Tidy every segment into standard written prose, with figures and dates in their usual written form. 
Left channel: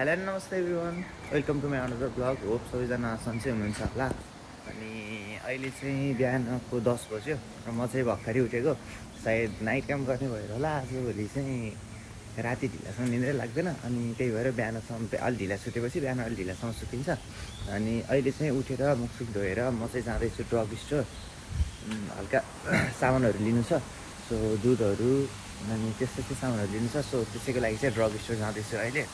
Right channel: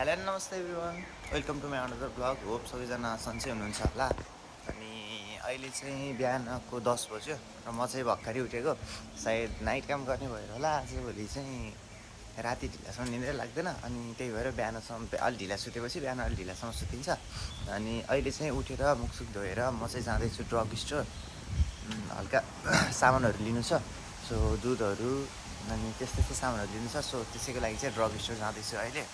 Hello नमस्ते everyone, welcome to my another blog. Hope सबैजना सन्चै हुनुहुन्छ होला। अनि अहिले चाहिँ बिहानको 10 बज्यो र म चाहिँ भर्खरै उठेको। सायद नाइट क्याम्प गर्ने भएर होला, आजभोलि चाहिँ राति ढिलासम्म निन्द्रै लाग्दैन। अनि त्यही भएर बिहानसम्म अलि ढिला सुतेपछि बिहान अलि ढिलासम्म सुतिन्छ। अनि अहिले चाहिँ उठेर मुखसुख धोएर म चाहिँ जाँदैछु ड्रग स्टोर। हल्का सामानहरू लिनु छ, सो दुधहरू अनि त्यस्तै सामानहरू लिनु छ। सो त्यसैको लागि चाहिँ ड्रग स्टोर जाँदैछु अहिले।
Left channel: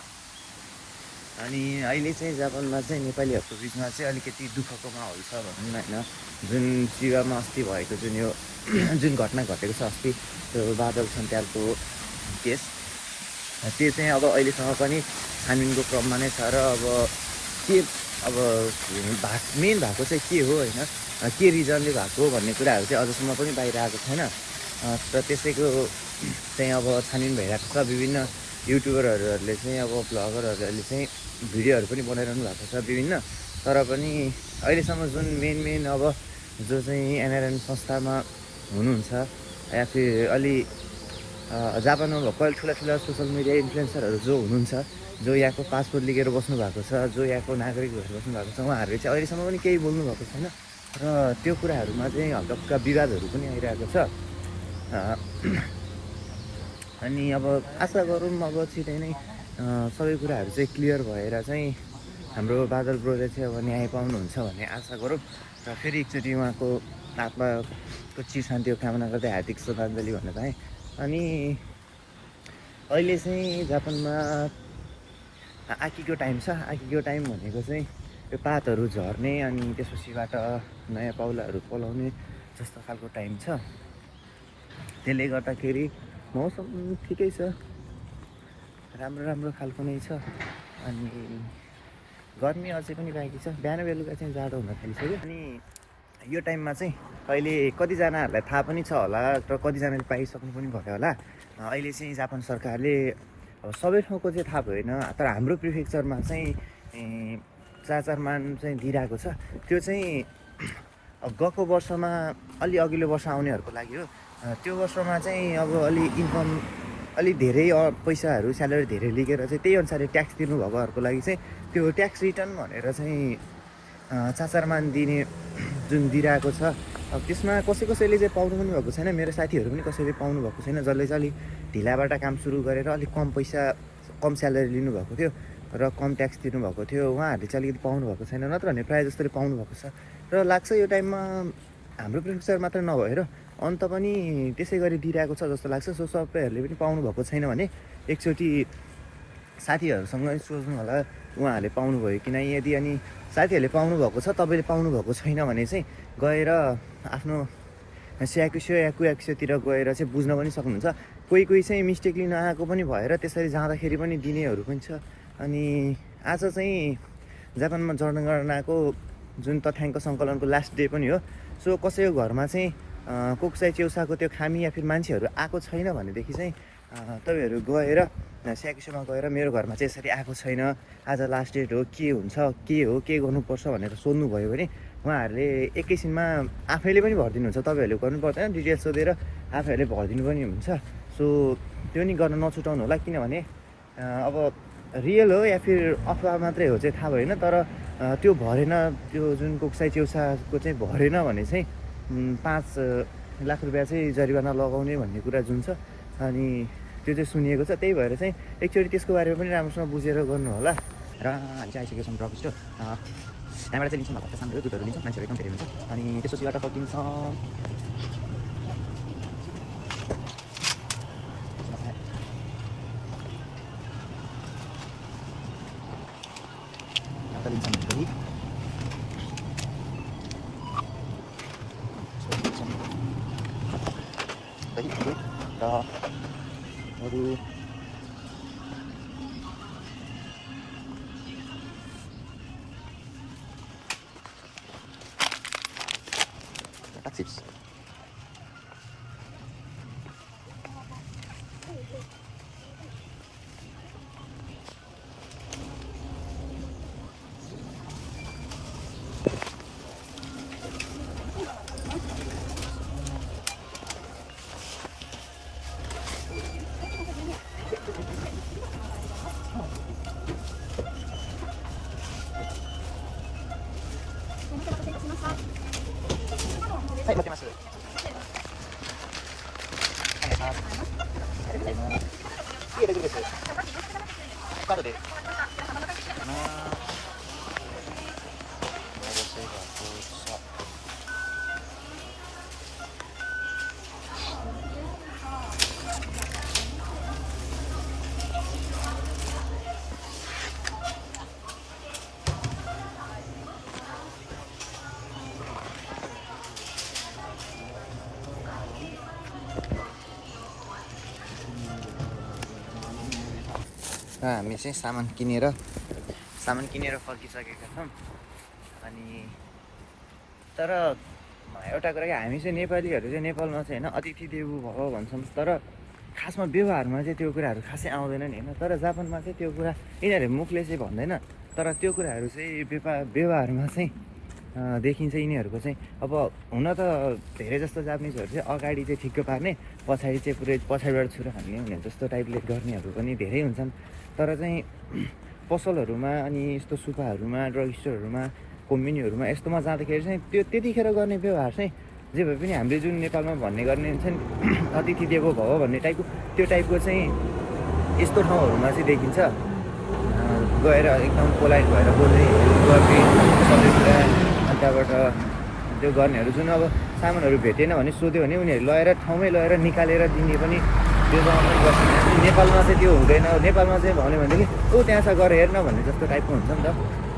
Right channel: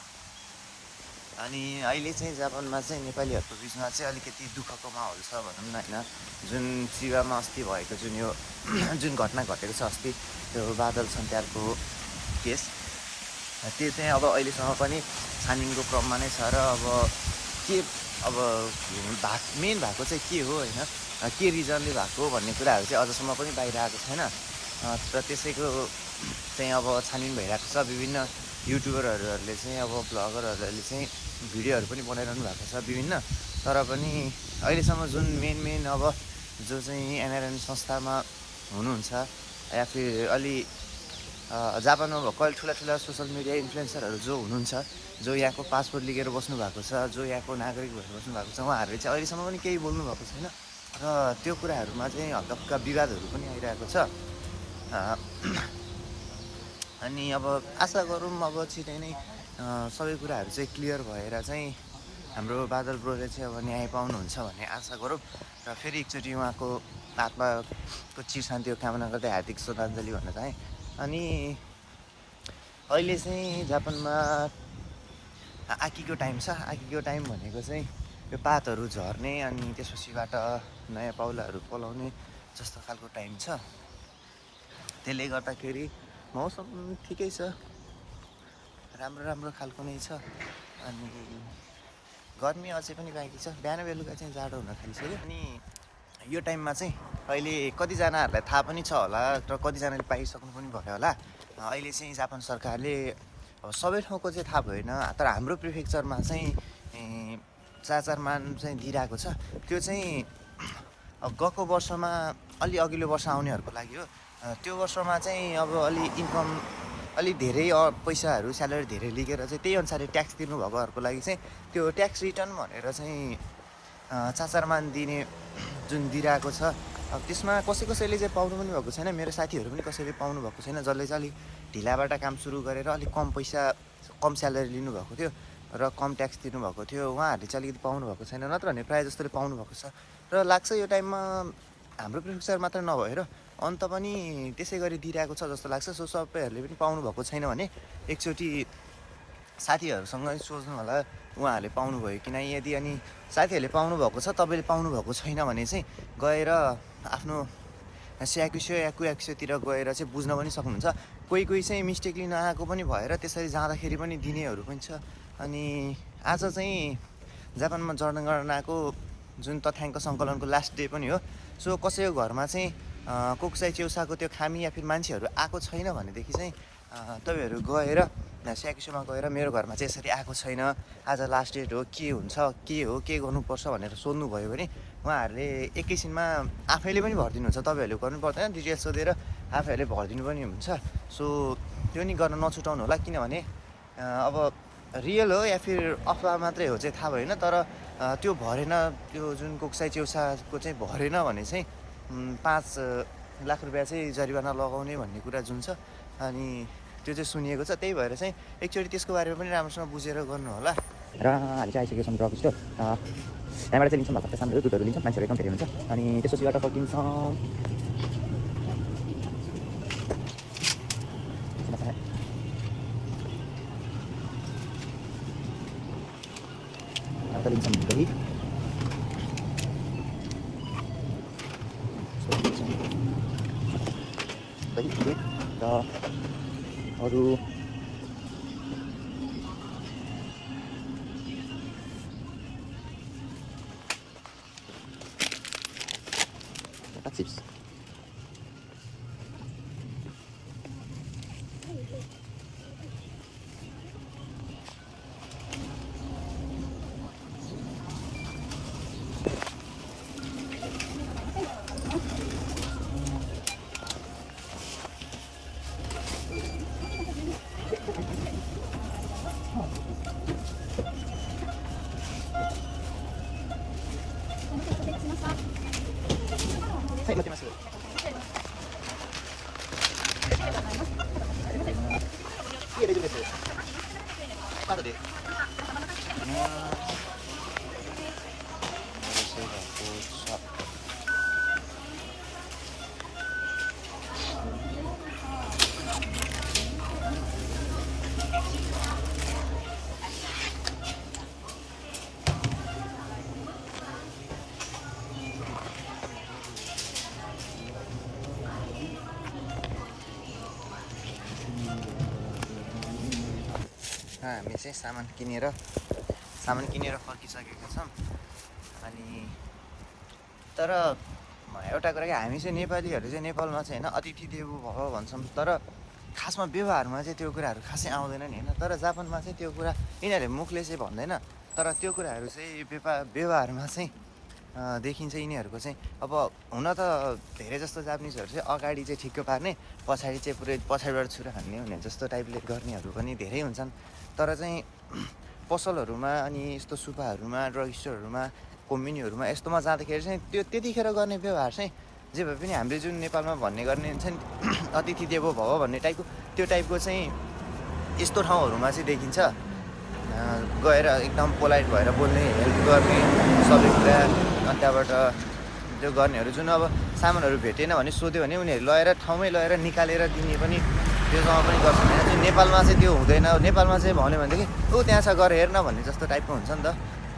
अनि अहिले चाहिँ जापानमा चाहिँ नेपालीहरूको बिचमा चाहिँ अलिकति दुःखको माहौल छ भनौँ न, होइन। जुन शिवामा अस्ति भएको जुन यो जुन घटना घटेको छ अस्ति, त्यो बादल सन्त्यालको केस, त्यो चाहिँ अब अहिलेसम्म पनि छानबिनको क्रममा नै छ। र अब के मेन भएको चाहिँ के हो, होइन, के रिजनले भएको भन्ने कुराहरू चाहिँ अझसम्म पनि बाहिर आएको छैन। र त्यसैको चाहिँ अब छानबिन भइरहेको छ। विभिन्न युट्युबरहरूले चाहिँ अब ब्लगरहरूले चाहिँ भिडियोहरू पनि बनाइरहनु भएको छ विभिन्न। तर पनि अहिलेसम्म जुन मेन अब जो चाहिँ एनआरएन संस्थामा हुनुहुन्छ या फिर अलि जापानमा भएको अलि ठुला सोसियल मिडिया इन्फ्लुएन्सरहरू जो हुनुहुन्छ, जो यहाँको पासपोर्ट लिएर बस्नु भएको छ, जो यहाँको नागरिक भएर बस्नु भएको छ, उहाँहरूले चाहिँ अहिलेसम्म पनि केही बोल्नु भएको छैन। र त्यो कुराहरूमा चाहिँ हल्का विवादहरू पनि आइरहेको छ। अनि अब आशा गरौँ अब छिटै नै सबै कुराहरू चाहिँ क्लियर भएर चाहिँ हाम्रो बादल ब्रोले चाहिँ अब न्याय पाउनुहुन्छ भन्ने आशा गरौँ। र फेरि एकचोटि उहाँको आत्माको चिर शान्तिको कामना गर्दै हार्दिक श्रद्धाञ्जली भन्न चाहेँ। अनि अहिले चाहिँ जापानमा आकीको टाइम छ। आकीको टाइम भनेको चाहिँ त्यो पातहरू झर्ने अनि त्यसपछिबाट नयाँ पाउलाहरू पलाउने जस्तो खालको टाइम छ। त्यसले गर्दाखेरि मौसम ठिकै छ, राम्रो खालको नै छ। अनि गर्मी अझै पनि बाँकी छ, बिहान बेलुका चाहिँ जाडो हुन थालिसक्यो। अनि यो टाइममा चाहिँ अहिले कतिजनाहरूलाई थाहा पनि छ होला र कतिजनाले पाइसक्नु पनि भयो होला। अहिले चाहिँ जापान सरकारले अब सबै ठाउँको चाहिँ थाहा भएन, तर हाम्रो प्रिफेक्चरमा चाहिँ चार मान चाहिँ दिइरहेको छ। त्यो चाहिँ गएको वर्षमा अलि अघिल्लो वर्ष आउनेहरूको लागि हो। त्यो वर्षमा चाहिँ अब अलि धेरै पैसाहरू स्यालेरी धेरै लिएर चाहिँ त्यही अनुसारले ट्याक्स तिर्नुभएकोहरूको लागि चाहिँ त्यो ट्याक्स रिटर्न भनेर चाहिँ चाचारमा दिने जुन दिइरहेको छ। अब त्यसमा कसैले चाहिँ पाउनु पनि भएको छैन। मेरो साथीहरू पनि कसैले पाउनु भएको छैन, जसले चाहिँ अलिक ढिलाबाट काम सुरु गरेर अलिक कम स्यालेरी लिनुभएको थियो र कम ट्याक्स तिर्नुभएको थियो, उहाँहरूले चाहिँ अलिकति पाउनु भएको छैन। नत्र भने प्रायः जस्तोले पाउनु भएको छ। र लाग्छ यो टाइममा हाम्रो प्रिफेक्चर मात्र नभएर अन्त पनि त्यसै गरी दिइरहेको छ जस्तो लाग्छ। सो सबैहरूले पनि पाउनु भएको छैन भने एकचोटि साथीहरूसँग सोच्नु होला उहाँहरूले पाउनुभयो कि नै। यदि अनि साथीहरूले पाउनु भएको छ, तपाईँले पाउनु भएको छैन भने चाहिँ गएर आफ्नो याकुतिर गएर चाहिँ बुझ्न पनि सक्नुहुन्छ। कोही चाहिँ मिस्टेकली नआएको पनि भएर त्यसरी जाँदाखेरि पनि दिनेहरू पनि छ। अनि आज चाहिँ जापानमा जनगणनाको जुन तथ्याङ्क सङ्कलनको लास्ट डे पनि हो। सो कसैको घरमा चाहिँ कोक्साई च्याउसाको त्यो खामी या फिर मान्छेहरू आएको छैन भनेदेखि चाहिँ तपाईँहरू गएर स्याकुसोमा गएर मेरो घरमा चाहिँ यसरी आएको छैन, आज लास्ट डेट हो, के गर्नुपर्छ भनेर सोध्नुभयो भने उहाँहरूले एकैछिनमा आफैले पनि भरिदिनुहुन्छ। तपाईँहरूले गर्नु पर्दैन, डिटेल्स सोधेर आफैहरूले भरिदिनु पनि हुन्छ। सो त्यो नि गर्न नछुटाउनु होला, किनभने अब रियल हो या फिर अफवाह मात्रै हो चाहिँ थाहा भएन। तर त्यो भरेन, त्यो जुन कोक्साई च्याउसाको चाहिँ भरेन भने चाहिँ 5 लाख रुपियाँ चाहिँ जरिवाना लगाउने भन्ने कुरा जुन छ, अनि त्यो चाहिँ सुनिएको छ। त्यही भएर चाहिँ एकचोटि त्यसको बारेमा पनि राम्रोसँग बुझेर गर्नु होला। र हामी चाहिँ आइसकेको छौँ ड्रग स्टोर। यहाँबाट चाहिँ लिन्छौँ भएको सामानहरू, दुधहरू लिन्छौँ, मान्छेहरू एकदम धेरै हुन्छ। अनि त्यसपछिबाट फर्किन्छौँ। लिन्छौँ दही र अरू चिप्स। हामी चाहिँ सामान किनेर फर्किसकेका छौँ। अनि तर एउटा कुरा कि हामी चाहिँ नेपालीहरू चाहिँ नेपालमा चाहिँ होइन अतिथि देवो भव भन्छौँ, तर खासमा व्यवहारमा चाहिँ त्यो कुराहरू खासै आउँदैन नि होइन। तर जापानमा चाहिँ त्यो कुरा यिनीहरूले मुखले चाहिँ भन्दैन, तर त्यो कुराहरू चाहिँ व्यवहारमा चाहिँ देखिन्छ यिनीहरूको चाहिँ। अब हुन त धेरै जस्तो जापानिजहरू चाहिँ अगाडि चाहिँ ठिक्क पार्ने, पछाडि चाहिँ पुरै पछाडिबाट छुरा हान्ने हुने जस्तो टाइपले गर्नेहरू पनि धेरै हुन्छन्। तर चाहिँ पसलहरूमा अनि यस्तो सुपाहरूमा, ड्रग स्टोरहरूमा, कम्युनीहरूमा यस्तोमा जाँदाखेरि चाहिँ त्यो त्यतिखेर गर्ने व्यवहार चाहिँ जे भए पनि हामीले जुन नेपालमा भन्ने गर्ने हुन्छ नि अतिथि देवो भव भन्ने टाइपको, त्यो टाइपको चाहिँ यस्तो ठाउँहरूमा चाहिँ देखिन्छ। गएर एकदम पोलाइट भएर बोल्ने गर्ने सबै कुरा। अनि त्यहाँबाट त्यो गर्नेहरू जुन अब सामानहरू भेटेन भने सोध्यो भने उनीहरू लगेर ठाउँमै लगेर निकालेर दिने पनि त्यो जग्गा पनि गर्छन् होइन। नेपालमा चाहिँ त्यो हुँदैन। नेपालमा चाहिँ भन्यो भनेदेखि त्यहाँ छ गएर हेर्न भन्ने जस्तो टाइपको हुन्छ नि त,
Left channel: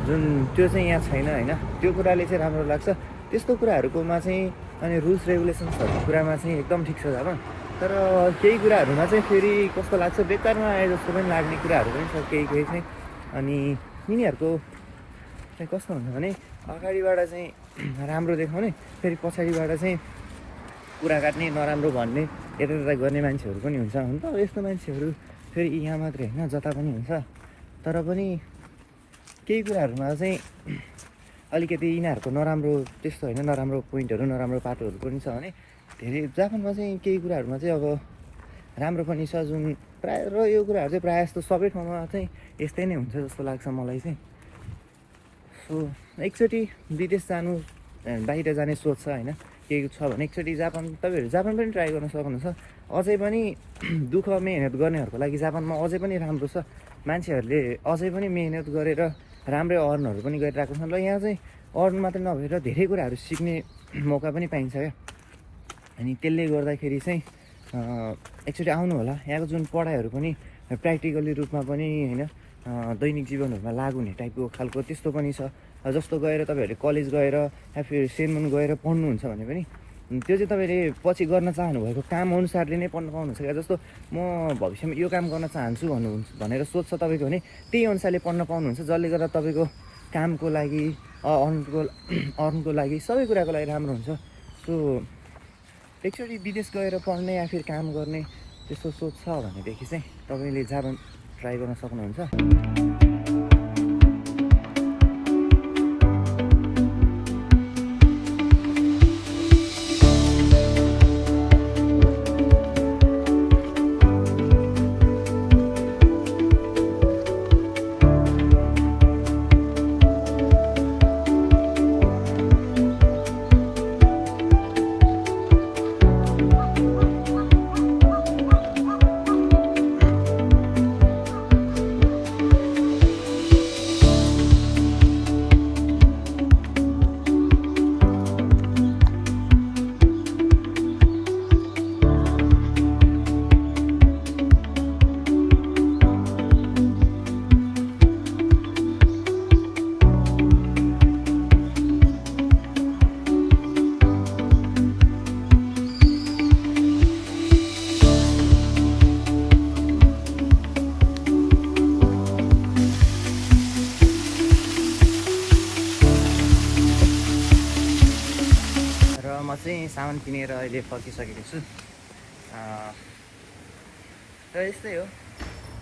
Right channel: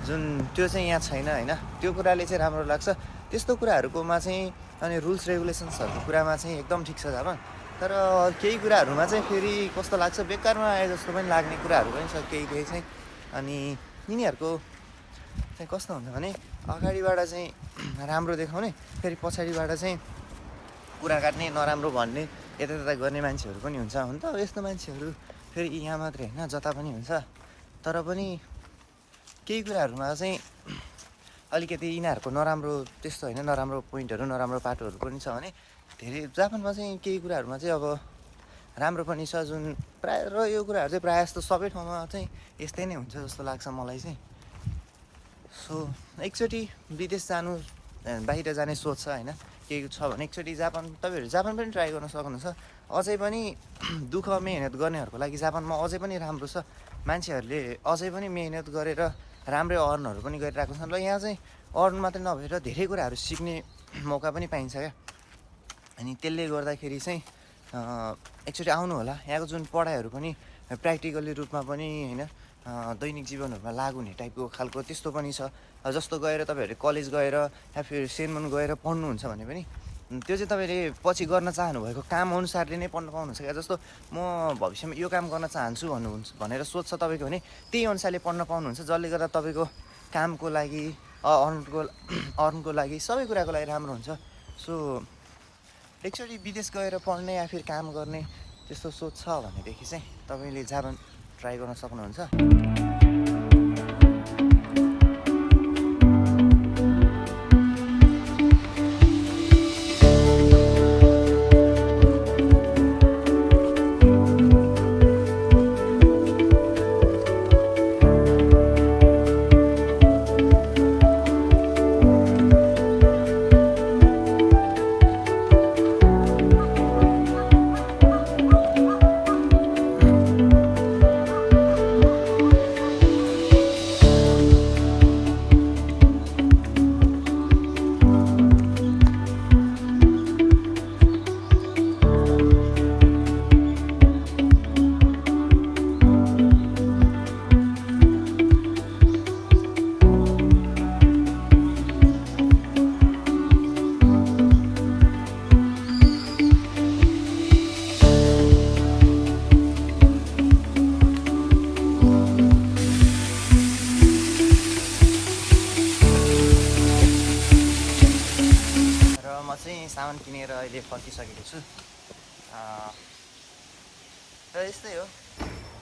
जुन त्यो चाहिँ यहाँ छैन होइन। त्यो कुराले चाहिँ राम्रो लाग्छ। त्यस्तो कुराहरूकोमा चाहिँ अनि रुल्स रेगुलेसन्सहरूको कुरामा चाहिँ एकदम ठिक छ जापान। तर केही कुराहरूमा चाहिँ फेरि कस्तो लाग्छ, बेकारमा आए जस्तो पनि लाग्ने कुराहरू पनि छ केही चाहिँ। अनि यिनीहरूको चाहिँ कस्तो हुन्छ भने अगाडिबाट चाहिँ राम्रो देखाउने, फेरि पछाडिबाट चाहिँ कुरा काट्ने, नराम्रो भन्ने, यता गर्ने मान्छेहरू पनि हुन्छ। हुन त अब यस्तो मान्छेहरू फेरि यहाँ मात्रै होइन जता पनि हुन्छ। तर पनि केही कुराहरूमा चाहिँ अलिकति यिनीहरूको नराम्रो त्यस्तो होइन, नराम्रो पोइन्टहरू, नराम्रो पाटोहरू पनि छ भने धेरै जापानमा चाहिँ केही कुराहरूमा चाहिँ अब राम्रो पनि छ जुन प्रायः। र यो कुराहरू चाहिँ प्रायः जस्तो सबै ठाउँमा चाहिँ यस्तै नै हुन्छ जस्तो लाग्छ मलाई चाहिँ। सो एकचोटि विदेश जानु, बाहिर जाने सोच छ होइन, केही छ भने एकचोटि तपाईँहरू जापान पनि ट्राई गर्न सक्नुहुन्छ। अझै पनि दुःख मेहनत गर्नेहरूको लागि जापानमा अझै पनि राम्रो छ। मान्छेहरूले अझै पनि मेहनत गरेर राम्रै अर्नहरू पनि गरिरहेको छन्। र यहाँ चाहिँ अर्न मात्रै नभएर धेरै कुराहरू सिक्ने मौका पनि पाइन्छ क्या। अनि त्यसले गर्दाखेरि चाहिँ एकचोटि आउनु होला। यहाँको जुन पढाइहरू पनि प्र्याक्टिकली रूपमा पनि होइन दैनिक जीवनहरूमा लागु हुने टाइपको खालको त्यस्तो पनि छ। जस्तो गएर तपाईँहरूले कलेज गएर या फिर सेनमन गएर पढ्नुहुन्छ भने पनि त्यो चाहिँ तपाईँले पछि गर्न चाहनुभएको काम अनुसारले नै पढ्न पाउनुहुन्छ क्या। जस्तो म भविष्यमा यो काम गर्न चाहन्छु भनेर सोच्छ तपाईँको भने त्यही अनुसारले पढ्न पाउनुहुन्छ, जसले गर्दा तपाईँको कामको लागि अर्नको लागि सबै कुराको लागि राम्रो हुन्छ। सो एकचोटि विदेश गएर पढ्ने या फिर काम गर्ने त्यस्तो सोच छ भनेदेखि चाहिँ तपाईँले जापान ट्राई गर्न सक्नुहुन्छ। सामान किनेर अहिले फर्किसकेको छु। र यस्तै हो,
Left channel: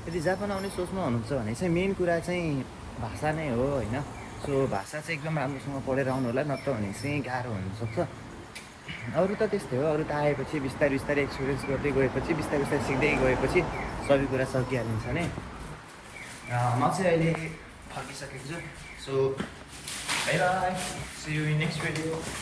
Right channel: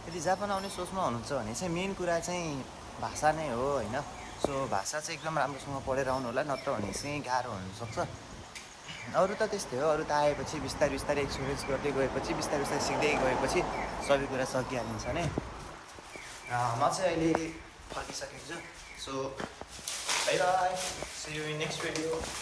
यदि जापान आउने सोचमा हुनुहुन्छ भने चाहिँ मेन कुरा चाहिँ भाषा नै हो होइन। सो भाषा चाहिँ एकदम राम्रोसँग पढेर आउनु होला, नत्र भने चाहिँ गाह्रो हुनसक्छ। अरू त त्यस्तै हो, अरू त आएपछि बिस्तारै एक्सपिरियन्स गर्दै गएपछि बिस्तारै सिक्दै गएपछि सबै कुरा सकिहालिन्छ नै। म चाहिँ अहिले फर्किसकेको छु। So bye bye, see you in next video.